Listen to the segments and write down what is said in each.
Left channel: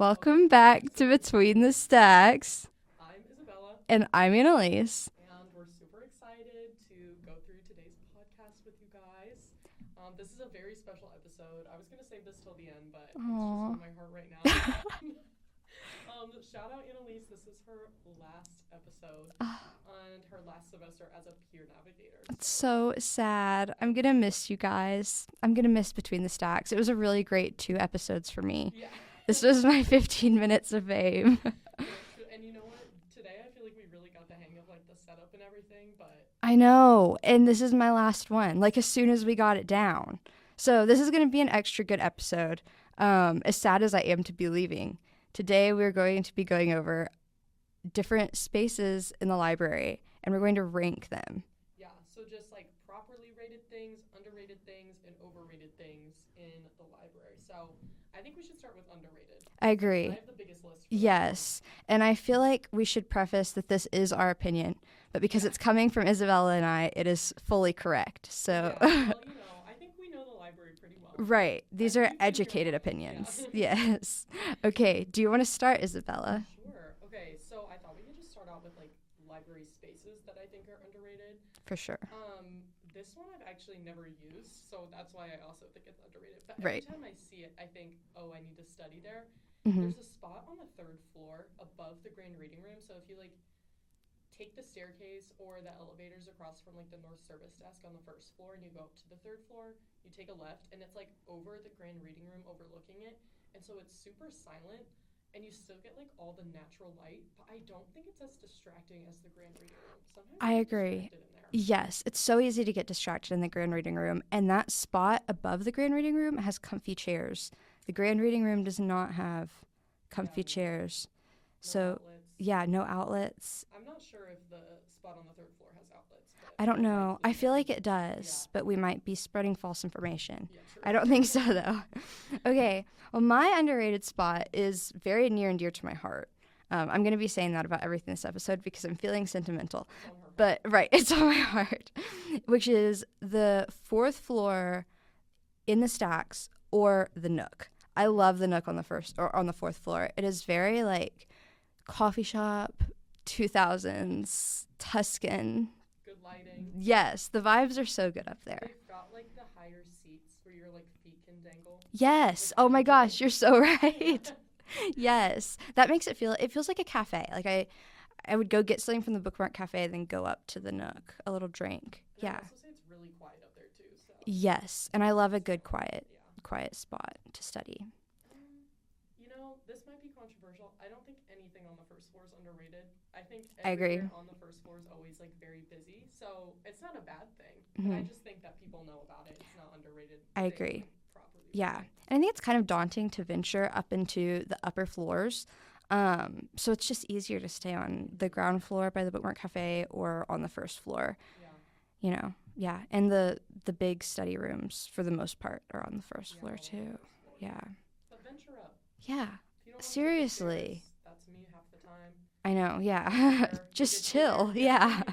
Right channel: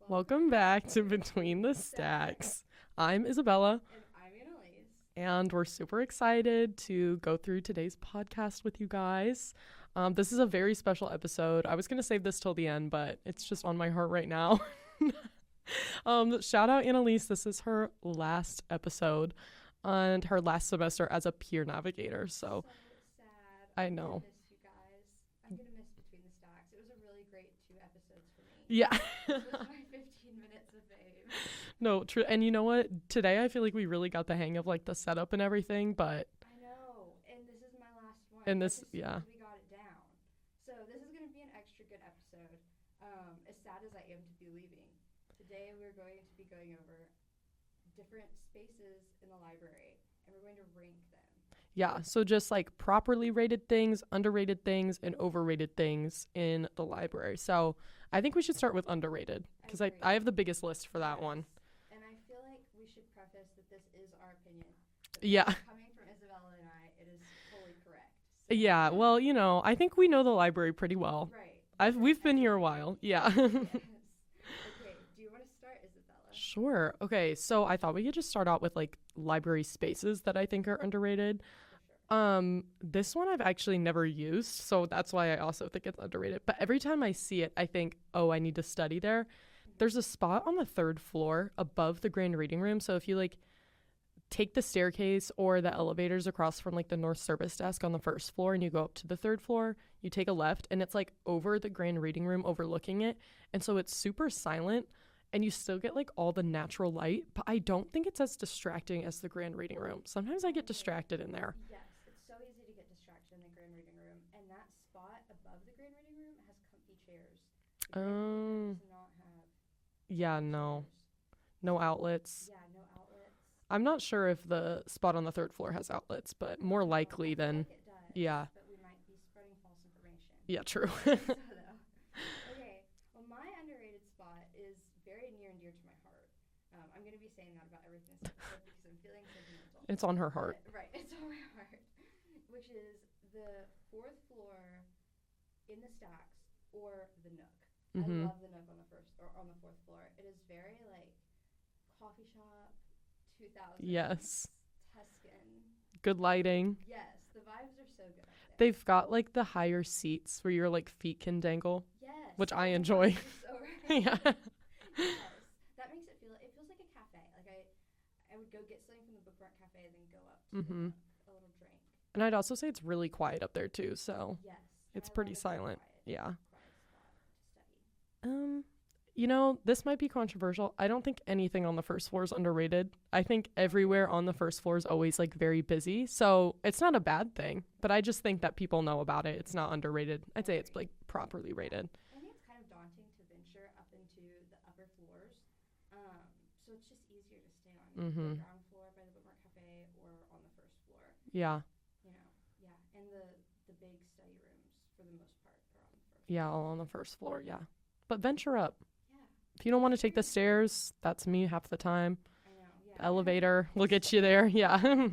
Welcome back to Between the Stacks. I'm Isabella. And I'm Annalise. And we're super excited to go through today's podcast with you guys. This is a very special episode. I was going to save this till the end, but it's just on my heart right now. Shout out Annalise. This is her last episode and her last semester as a Peer Navigator. So sad. I'm going to miss you guys. I'm going to miss Between the Stacks. It was a really great 2 episodes for me. Yeah. This was my 15 minutes of fame. No, true. And you know what? Today I feel like we really got the hang of like the setup and everything, but I know. And this is my last one. Like as soon as we got it down. So this is going to be an extra good episode. As sad as I am to be leaving. Today we're going to be going over different spaces in the library and we're going to rank them. Yeah, so just like properly rated things, underrated things, and overrated things in the library. So I think we should start with underrated. I agree. I have the biggest list for that one. Yes, and I feel like we should preface that this is our opinion, but because it's coming from Isabella and I, it is fully correct. So yeah, well, you know, I think we know the library pretty well. Right. These are educated opinions. Yeah. Yes. Okay, do you want to start, Isabella? Sure. Okay, so I thought we could just start out with like library spaces that I think are underrated. For sure. This one I've actually never used, so that's why I also think it's underrated. But every time I see it, I think, oh, I need to study there. Mm-hmm. There's a spot on the 3rd floor above the grand reading room. So if you like take the staircase or the elevators across from like the North Service desk on the 1st floor and you go up to the 3rd floor, you take a left and it's like over the grand reading room overlooking it. And so it's super silent and you still get like all the natural light, but I don't think it's as distracting as the grand reading room. Sometimes I get distracted in there. Yes, it's so easy to get distracted in the grand reading room. And that spot above the grand reading room has comfy chairs. The grand reading room does not have comfy chairs. No outlets. Yeah, no outlets. I'm not sure if the spot on the 3rd floor has outlets, but I don't know. Likely I feel like it does, but we might be spreading false information. Yeah, true. I don't think so, though. Okay, well, my underrated spot is very near and dear to my heart. I'm going to be saying that about everything this episode because I'm feeling sentimental. It's on her heart. But, it's on my heart, which is the 4th floor in the stacks or the Nook. Mm-hmm. I love the Nook on the 4th floor. It is very, like, coffee shop, 2000s, Tuscan. Good lighting. Yes, the vibes are so good up there. They've got like the higher seats where your like feet can dangle. Yes. Which oh I my enjoy. Gosh, you're so right. Yes. That makes it feels like a cafe. Like I would go get something from the Bookmark Cafe and then go up to the Nook, a little drink. And I'd also say it's really quiet up there too. So yes, and I love a good silent. quiet spot to study. You know, this might be controversial. I don't think anything on the 1st floor is underrated. I think everywhere on the 1st floor is always like very busy. So it's not a bad thing, but I just think that people know about it. It's not underrated. I'd say it's like properly rated. Yeah. And I think it's kind of daunting to venture up into the upper floors. So it's just easier to stay on the ground floor by the Bookmark Cafe or on the 1st floor. Yeah. You know, yeah. And the big study rooms for the most part are on the 1st floor. Yeah, all too. on the 1st floor. Yeah. But venture up. Yeah. If you don't want to take the stairs, that's me half the time. I know, yeah. Elevator, we'll get you there. Yeah.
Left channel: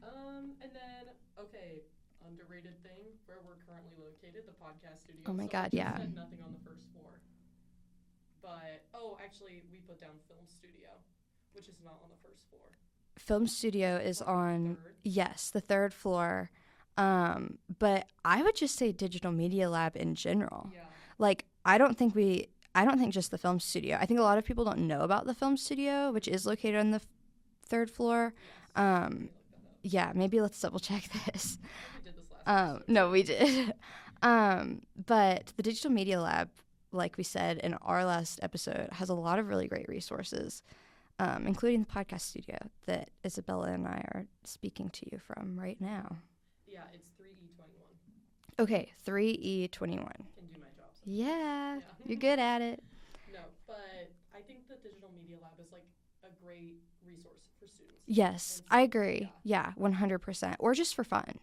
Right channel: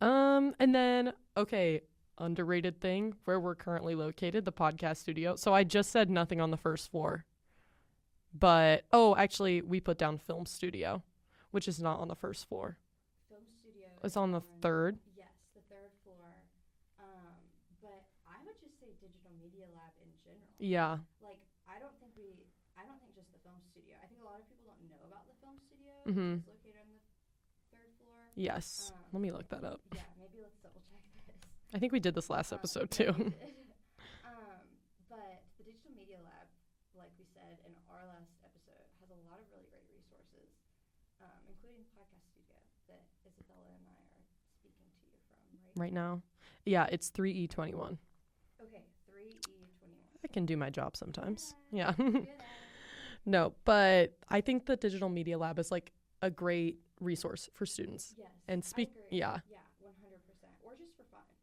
And then, okay, underrated thing, where we're currently located, the podcast studio. Oh my God, I just said nothing on the 1st floor. But, actually, we put down film studio, which is not on the 1st floor. Film studio is on the 3rd? Yes, the 3rd floor. But I would just say digital media lab in general. Yeah. Like, I don't think just the film studio. I think a lot of people don't know about the film studio, which is located on the 3rd floor. Yes. Let me look that up. Yeah, maybe let's double check this. I think we did this last episode, too. No, we did. But the digital media lab, like we said in our last episode, has a lot of really great resources, including the podcast studio that Isabella and I are speaking to you from right now. Yeah, it's 3E21. Okay, 3E21. I can do my job sometimes. Yeah. You're good at it. No, but I think the digital media lab is like a great resource for students. Yes, I agree. Yeah, 100%. Or just for fun.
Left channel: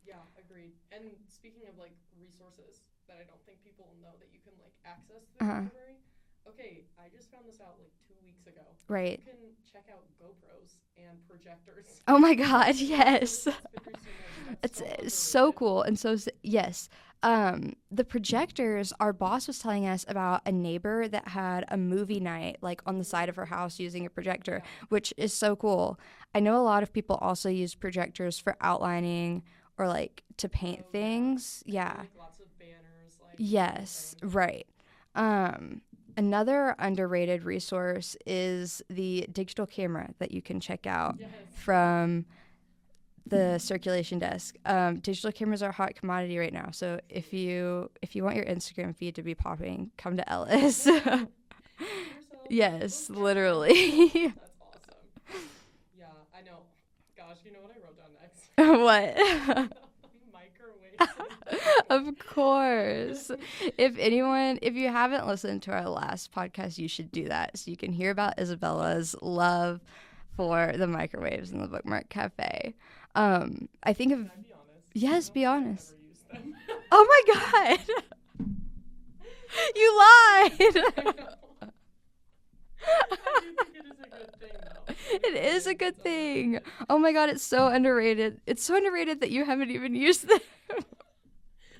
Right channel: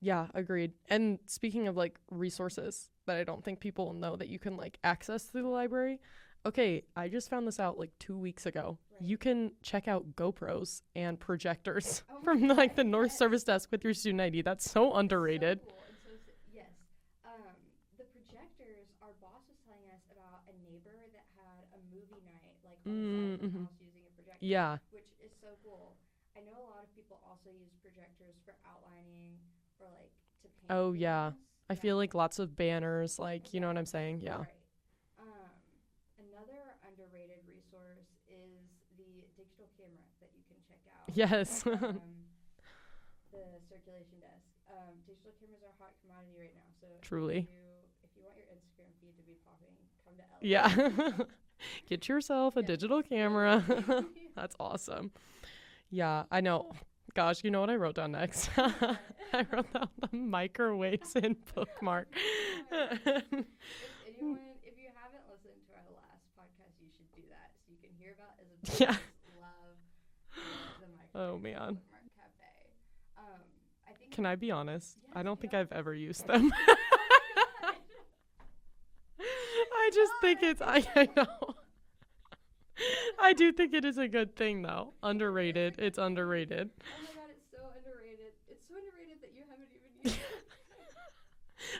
Yeah, agreed. And speaking of like resources that I don't think people know that you can like access through the library, Okay, I just found this out like 2 weeks ago. Right. You can check out GoPros and projectors. Oh my God, the yes. service desk with your student ID. That's so underrated. So cool. And so, yes. The projectors, our boss was telling us about a neighbor that had a movie night like on the side of her house using a projector, which is so cool. I know a lot of people also use projectors for outlining or like to paint things. I feel like lots of banners, like, yes, you know what I'm saying? Yeah. Right. Another underrated resource is the digital camera that you can check out. Yes. From the circulation desk. Digital cameras are a hot commodity right now. So Truly. if you want your Instagram feed to be popping, come to Ellis. Yeah. Get yourself a digital camera. Literally. That's awesome. Yeah, I know. Gosh, you know what I wrote down next? What? The microwaves in Of course. If you haven't listened to our last podcast, you should do that so you can hear about Isabella's love for the microwaves in the Bookmark Cafe. I think. Can I be honest? Yes, be honest. I've ever used them. Oh my God! You lied. I know. I do think it is a good thing, though. Underrated. It is a good thing. Underrated. Oh my God, it's so underrated. It's so underrated that you haven't even used them.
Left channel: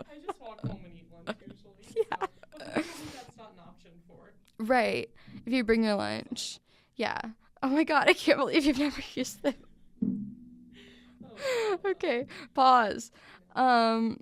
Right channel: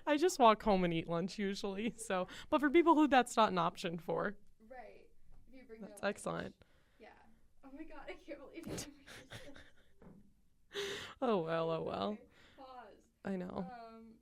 I just walk home and eat lunch usually. Yeah. So, but for people who that's not an option for. Right. If you bring your lunch. Excellent. Yeah. Oh my God, I can't believe you've never used them. Oh, wow. Okay, pause. I know.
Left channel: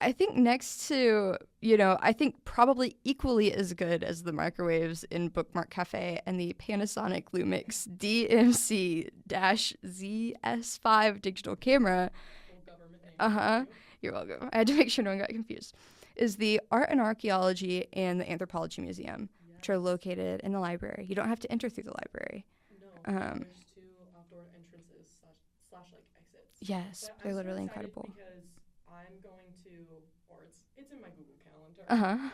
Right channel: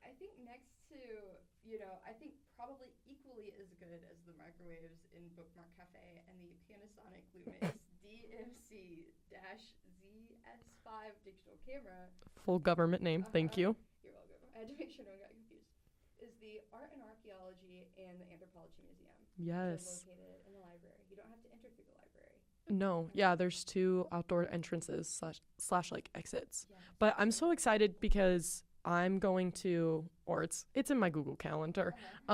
I think next to, I think probably equally as good as the microwaves in Bookmark Cafe and the Panasonic Lumix DMC-ZS5 digital camera. Full government name, thank you. You're welcome. I had to make sure no one got confused. Is the Art and Archaeology and the Anthropology Museum, which are located in the library. You don't have to enter through the library. No, there's 2 outdoor entrances slash like exits. Yes. But I'm so excited because I'm going to, or it's in my Google Calendar.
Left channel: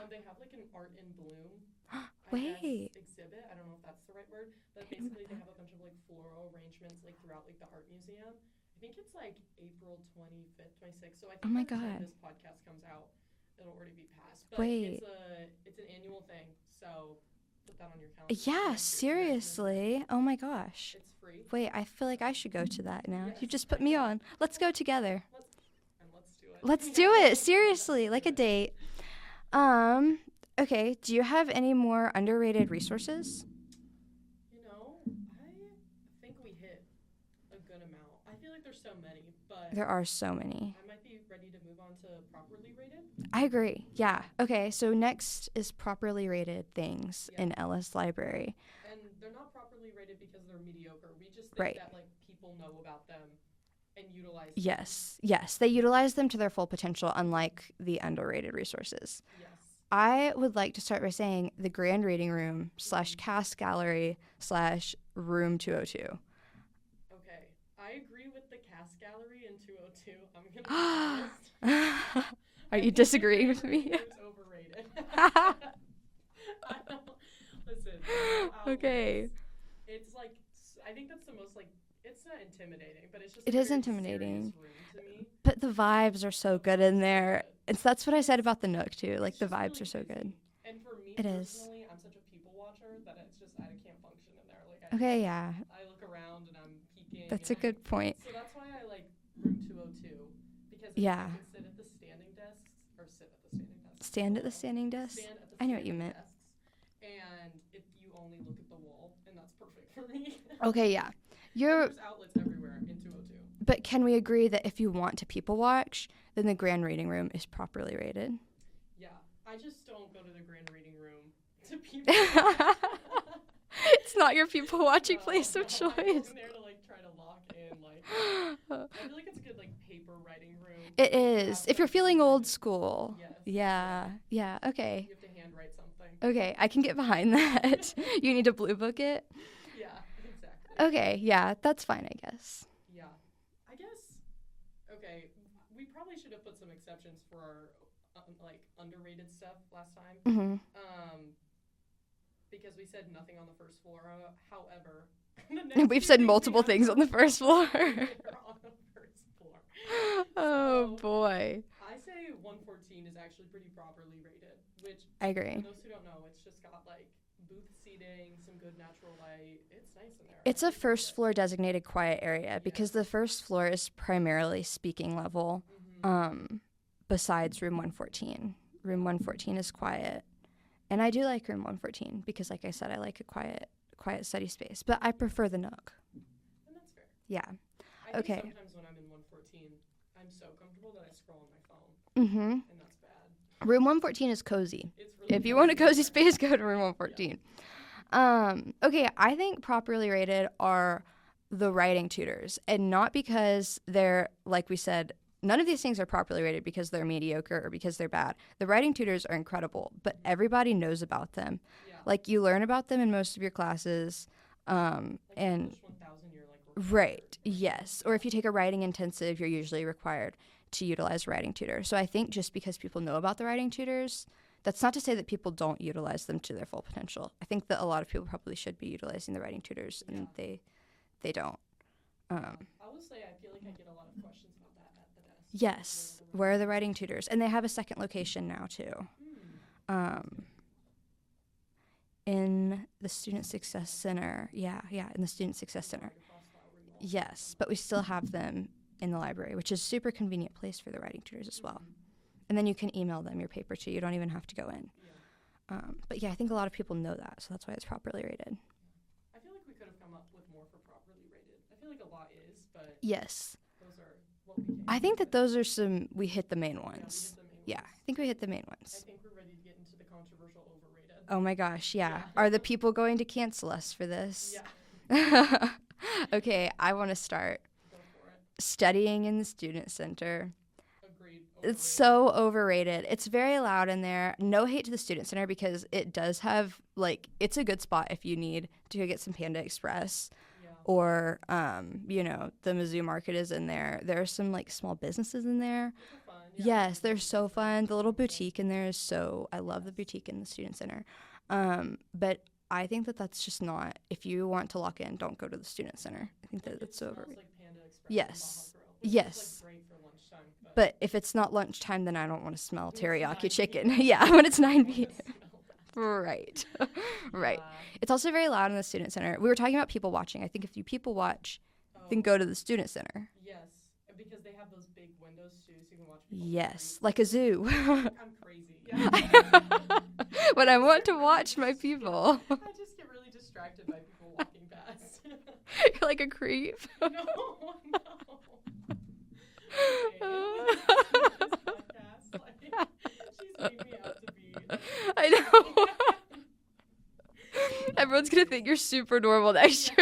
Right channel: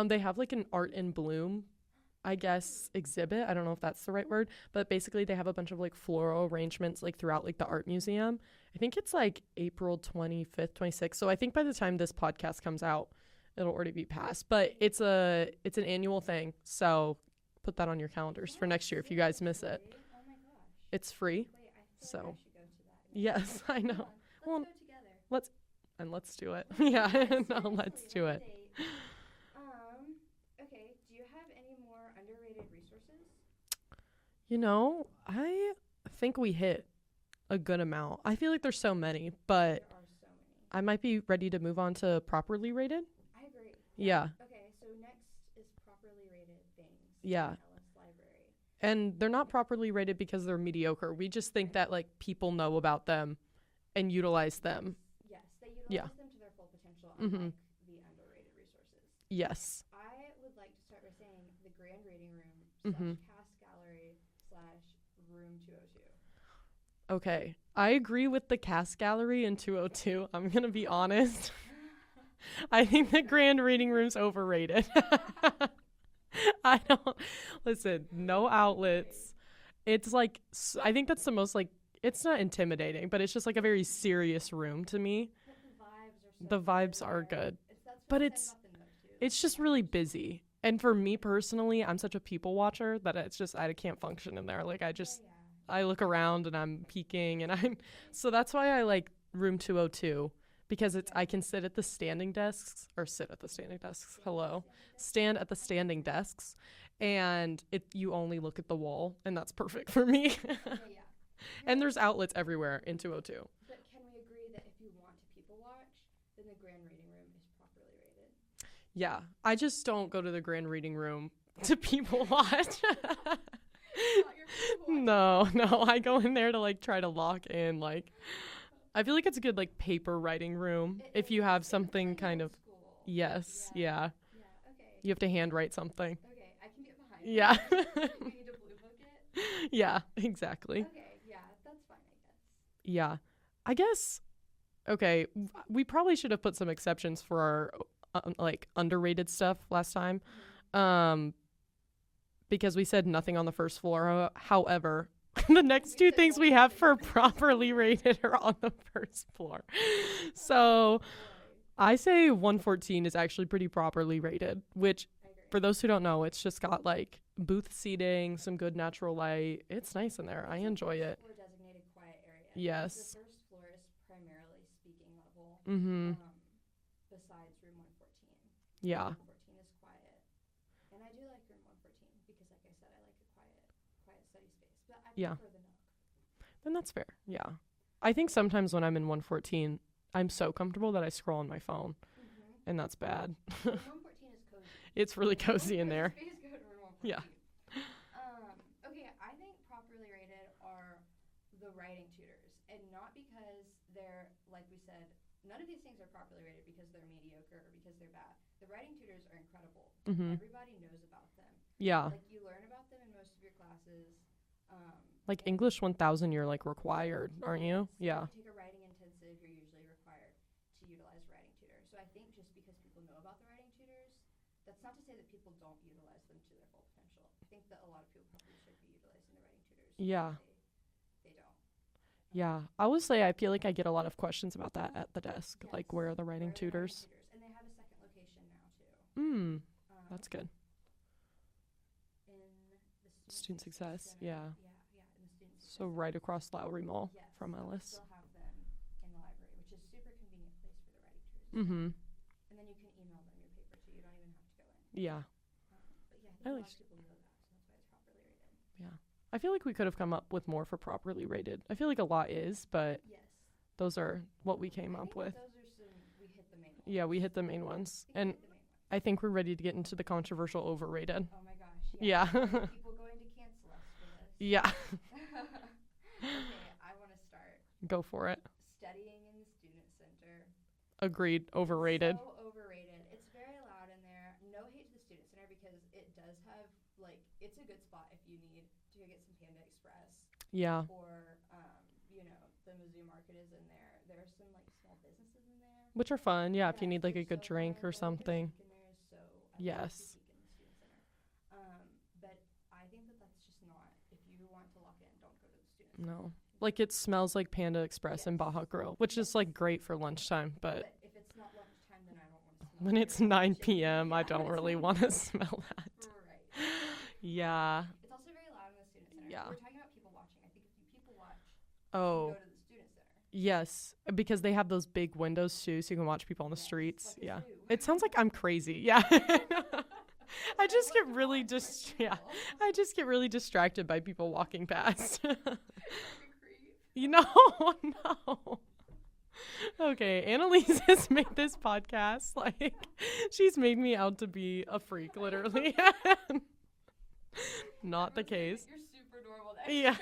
They have like an Art in Bloom, I guess, exhibit. I don't know if that's the right word, but basically they have a bunch of like floral arrangements like throughout like the art museum. I think it's like April 25th, 26th. So I think by the time this podcast comes out, it'll already be past. But it's an annual thing. So put that on your calendars for next year if you guys miss it. Oh my gosh. It's free. Wait, I feel like I should go to that now. Yes, you just put me on. Let's go together. Let's do it. Let's do it. Seriously, like a date. Okay, do you have any more underrated resources? I think we hit a good amount. I feel like there's so many, but there are so many. I might be ready to move on to properly rated. I agree. Yeah. Okay, so next is properly rated things in Ellis Library. And they're not properly rated because they're mediocre. We just think that like people know about them and utilize them. Yes, they utilize them to their full potential, unlike the underrated resources. Yes. I would like to start by saying the Grand Reading Room / Cast Gallery / Room 202. Okay, I agree with the Cast Gallery in 202. I'm going to be honest. I think the Grand Reading Room's overrated. I don't... Listen, no outlets. Okay. It's like... I think that's the most like... It's not intimidating, but it's just like a very serious room to me. But the vibes are so good in there. That's what I said about the Nook, too. Like, it's just really busy. So and for me personally, I'm such a people watcher that it's just, I can't function in there. Like, I look around and I'm peeking. That's a good point. So that's why I like room 202, because I can sit at the standing desks, or sit at the standing desks. Stand at the standing desks? Stand at the standing desks. And you only look at the wall, and that's perfect for me. Okay, yeah. And there's outlets everywhere in 202. But can we agree that if you want to people watch, then the Grand Reading Room is properly rated? Yeah. I just don't go to the Grand Reading Room to people watch. It's not your people watching place. No, I go in there to like try to lock in. Like, I feel like it's a good like paper writing room. It is. If you're feeling old school. Yes. Yeah. Okay. You have to handwrite something. Okay, I can get behind that. You need to blue book it. Yeah, exactly. Okay. Yeah, that's fine, I guess. Yeah, I guess. Okay, we probably should have put some exceptions for our like underrated stuff last time. Because we said nothing on the first floor. However, The next We've two said things multiple we have things for on the first properly floor. rated are on the first floor. Oh, So boy. I say 114 is actually pretty properly rated, which I agree. for those who don't know, it's just got like booth seating, some good natural light. It's nice in there. It's I a enjoy first it. floor designated quiet area because the Yes. first floor is primarily speaking level. Besides room 114. Room 114 is quiet. And I do like room 114 because, like I said, I like a quiet study space. But I prefer the Nook. Then that's fair. Yeah. I think Okay. sometimes when I'm in 114, I'm so comfortable that I scroll on my phone. And that's bad. Room 114 is cozy. It's really If cozy you want a in cozy there. space, go to room 114. Okay, I think properly rated are the writing tutors. And not because they're, like we said, none of these things are properly rated because they're mediocre or because they're bad. The writing tutors are incredible, but everybody knows about them. Yeah. Like, you learn about them in most of your classes. Like English 1000, you're like required. Right. Aren't Yes. You? Or if you take a writing intensive, you're usually required to utilize writing tutor. So I think just because people know about the writing tutors, that's not to say that people don't utilize them to their full potential. I think that a lot of people probably should be utilizing the writing tutors. Yeah. And they don't. Yeah, I would say I feel like I get a lot of questions about that at the desk. Yes. Like, where are the writing tutors? And they have a second location now, too. That's good. In the Student Success Center. Yeah, in the Student Success So Center. right across Lowry Mall. Yes, but we still have them in the library, which is a super convenient place for the writing tutors as well. And then you can email them your paper, too. You don't even have to go in. Yeah. But, yeah, I think a lot of people know that, so that's why it's properly rated. Yeah. I feel like we could have come up with more for properly rated. I feel like a lot is, but yes, those are what we came up with. I think that those are we hit the main ones. Yeah, we hit the main ones. Yeah, I think we hit the main ones. I think we're ready to get into the controversial overrated. Oh my gosh, yeah. Are the people going to cancel us for this? Yeah. Okay, I want to start. Go for it. Studying in the Student Center. Agreed. Overrated. It's so overrated. It's very loud in there. No hate to the Student Center because it does have, like, it's a good spot if you need to go get some Panda Express. Yeah. Or, the Mizzou Market is in there. There are some, like, small businesses in there. Which are fun. Yeah. Yes, if you need, they're like, a so good drink fun. or The little something. boutique in there is so, I love a boutique in the Student Center. But I think that that's just not, if you want to lock in, don't go to the Student Center. I think Like, it smells like Panda Express and Baja Grill, which is, like, great for lunchtime. But if it's not lunchtime, then I don't want to smell when it's teriyaki 9 chicken. PM, Yeah, I when don't it's really 9 want p.m. to smell that. Right. Yeah. Right. It's also very loud in the Student Center. Yeah. We were talking about people watching. I think if you people watch, then go to the Student Center. Yes, because they have those big windows too, so you can watch people on the streets. Like a zoo. It sounds like I'm crazy. Yeah. When I just want get to really watch my people. Yeah. I just get really distracted by people walking past. Like a creep. No. Okay, Annalise has made this podcast like she's made me out to be a freak. I know. Everyone's going to think you're super normal next year.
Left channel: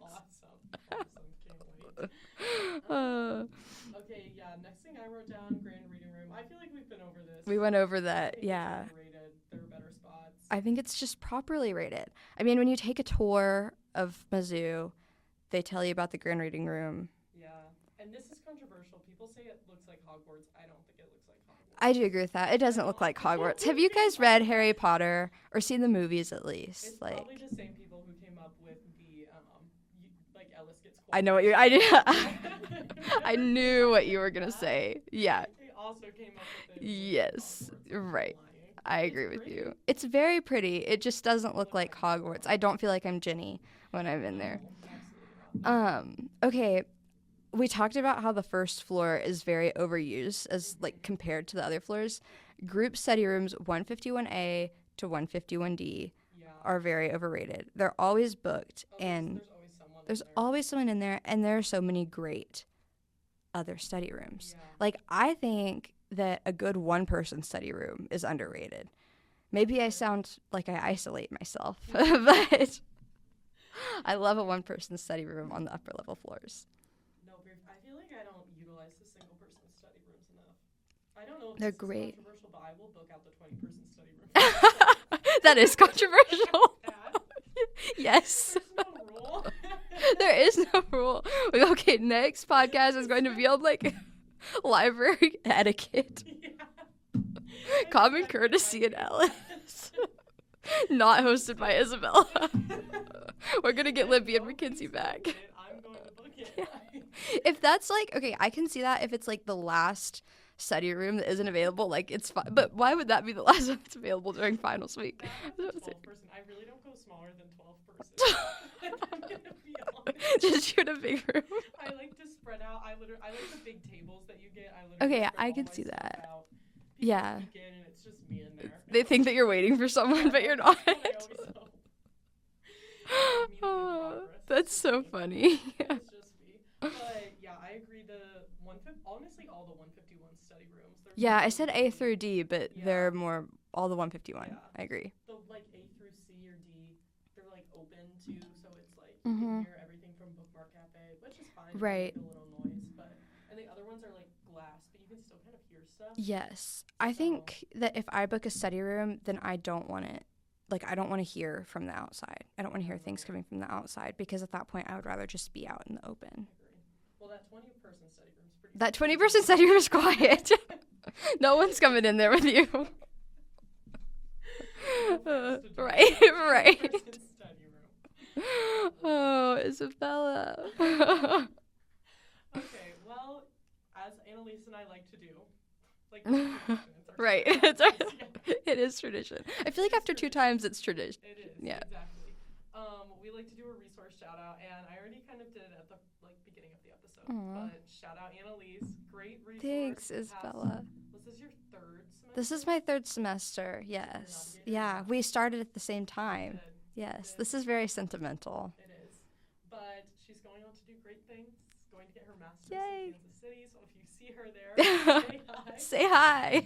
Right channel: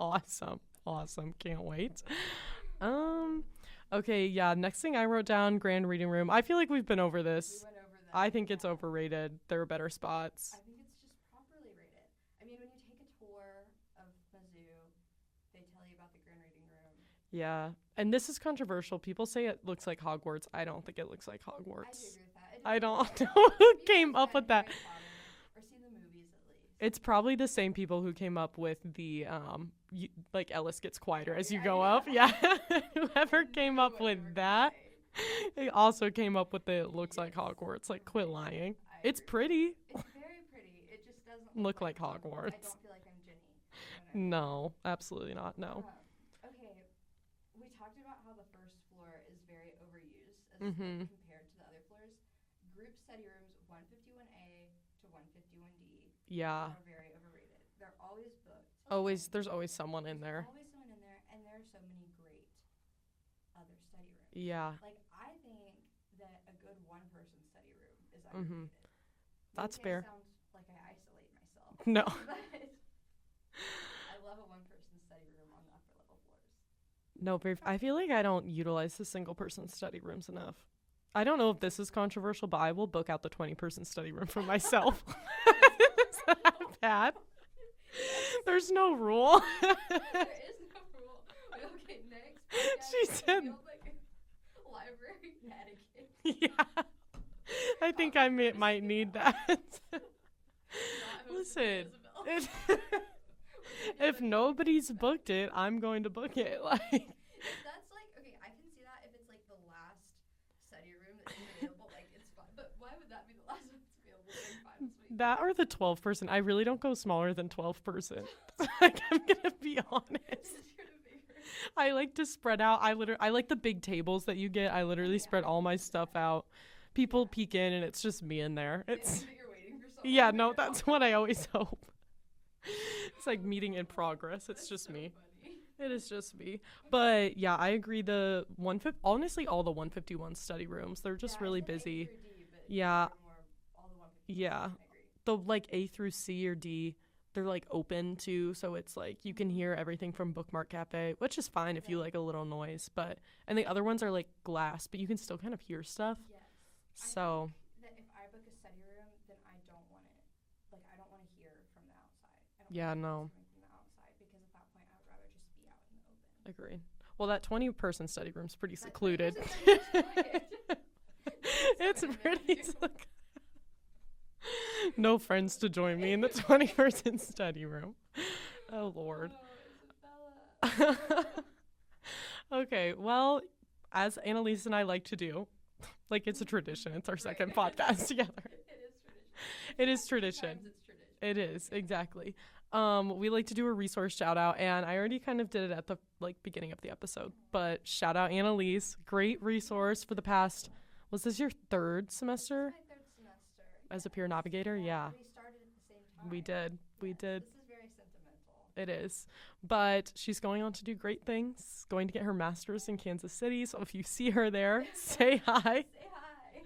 Awesome. Can't wait. Okay, yeah. Next thing I wrote down, Grand Reading Room. I feel like we've been over this. We went over that. I think it's overrated. There are better spots. I think it's just properly rated. I mean, when you take a tour of Mizzou, they tell you about the Grand Reading Room. Yeah. And this is controversial. People say it looks like Hogwarts. I don't think it looks like Hogwarts. I do agree with that. It doesn't look like Hogwarts. Have you guys read Harry Potter or seen the movies at least? It's probably the same people who came up with the like Ellis Gets Quiet. I know what you're. I knew what you were gonna say. Yeah. They also came up with the it looks like Hogwarts. Like, quit lying. I agree. It's pretty. With you. It's very pretty. It just doesn't look like Hogwarts. I don't feel like I'm Ginny when I'm in there. No, absolutely not. No. Okay. We talked about how the first floor is very overused as like compared to the other floors. Group study rooms 151A to 151D are very overrated. They're always booked. There's always someone in there. There's always someone in there, and there are so many great other study rooms. Yeah. Like, I think that a good one-person study room is underrated. Maybe I sound like I isolate myself, but I love a one-person study room on the upper level floors. No, I feel like I don't utilize the single person study rooms enough. I don't know if this is controversial, but I will book out the 20-person study room for myself. That is controversial. Bad. Yes. There's no rule. There is no rule. Okay, next podcast is going to be on like library etiquette. Yeah. Common courtesy analysis. Not hosted by Isabella. We're gonna get Libby and Mackenzie back. Booked it, I'm going to book it. Like, if that's like, okay, I can see that if it's like the last study room that isn't available, like it's fine. But why would that be the last one that's available during finals week? That or the 12-person. I really don't go smaller than 12-person. Like, I'm gonna be honest. Just shoot a big room. I like to spread out. I like the big tables that you get. I literally spread all my stuff out. People peek in and it's just me in there. They think that you're waiting for someone, but you're not. That's what I always hope. It's like meeting in progress. That's so funny. It is just me. But yeah, I agree. Honestly, all the 151 study rooms. They're just really I said busy. A through D, but they're more all the 151. Yeah, I agree. The like A through C or D, they're like open too, so it's like you can hear everything from Bookmark Cafe, which is fine if you like a little noise. But and the other ones are like glass, but you can still kind of hear stuff. Yes, I think that if I book a study room, then I don't want it. Like, I don't want to hear from the outside. I don't want to hear things coming from the outside, because at that point, I would rather just be out in the open. Agreed. Well, that 20-person study room's pretty That secluded. 20-person study room's quiet. No one's coming in there with you. No friends to join me in the 20-person study room. Oh, Isabella. Okay, well, as Annalise and I like to do, like, it's a tradition. It's our second podcast together. It is tradition. I feel like after 2 times, it's tradition. It is, exactly. We like to do a resource shout out, and I already kind of did it at the beginning of the episode. Aww. But shout out Annalise, great resource for the past. Was this your 3rd semester? This is my 3rd semester. Yes. As a Peer Navigator. Yeah, we started at the same time. We did. Yes, we did. This is very sentimental. It is. But she's going on to do great things. Going to get her master's in Kansas City. So if you see her there, say hi. Say hi.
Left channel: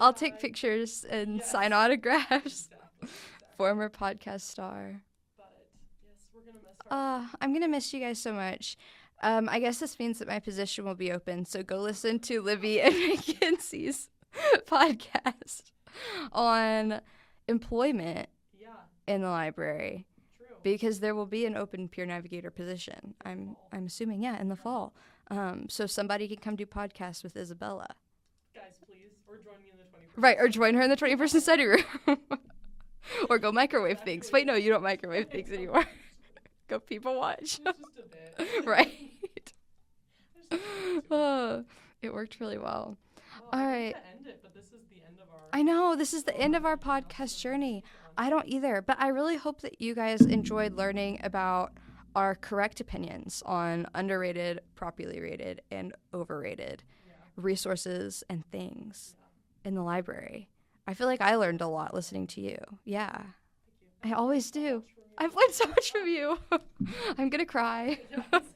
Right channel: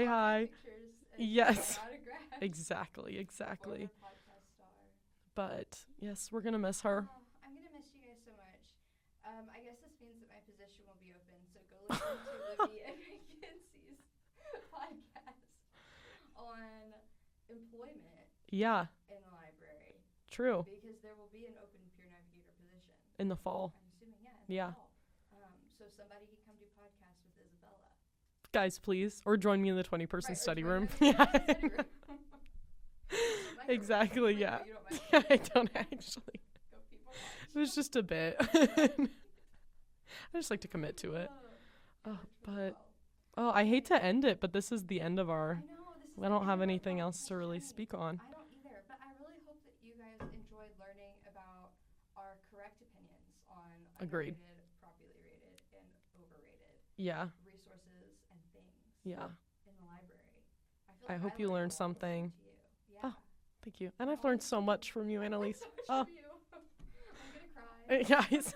I'll take pictures and sign autographs. Exactly. Former podcast star. But yes, we're gonna miss her. I'm gonna miss you guys so much. I guess this means that my position will be open, so go listen to Libby and Mackenzie's podcast on employment in the library. True. Because there will be an open Peer Navigator position. In the fall. I'm assuming, in the fall. So somebody can come do podcasts with Isabella. Guys, please. Or join me in the 20-person Right, or join her in the 20-person study room. Or go microwave things. Wait, no, you don't microwave things anymore. Go people watch. It was just a bit. Right. I just like to commit to it. It worked really well. Oh, I hate to end it, but this is the end of our... I know, this is the end of our podcast journey. I don't either, but I really hope that you guys enjoyed learning about our correct opinions on underrated, properly rated, and overrated resources and things in the library. I feel like I learned a lot listening to you. Yeah. Thank you. I always learned so much from you. I've learned so much from you. I'm going to cry. Guys.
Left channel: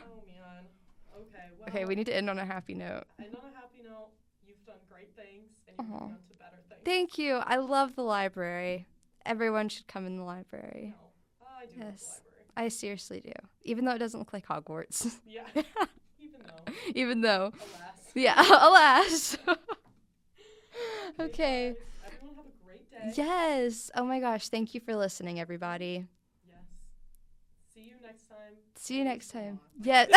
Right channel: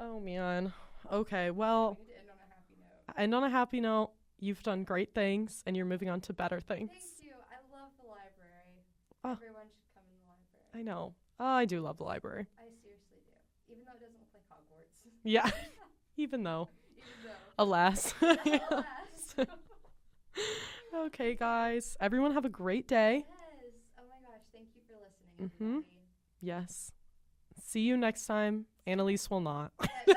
Oh, man. Okay, well. Okay, we need to end on a happy note. End on a happy note. You've done great things, and you're moving on to better things. Thank you. I love the library. Everyone should come in the library. I know. Oh, I do love the library. I seriously do. Even though it doesn't look like Hogwarts. Yeah. Even though. Alas. Yeah, alas. Okay, guys. Everyone have a great day. Yes. Oh, my gosh. Thank you for listening, everybody. Yes. See you next time. Annalise will not. Yes.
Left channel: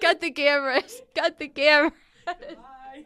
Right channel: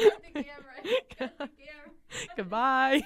Cut the camera. Cut the camera. Goodbye.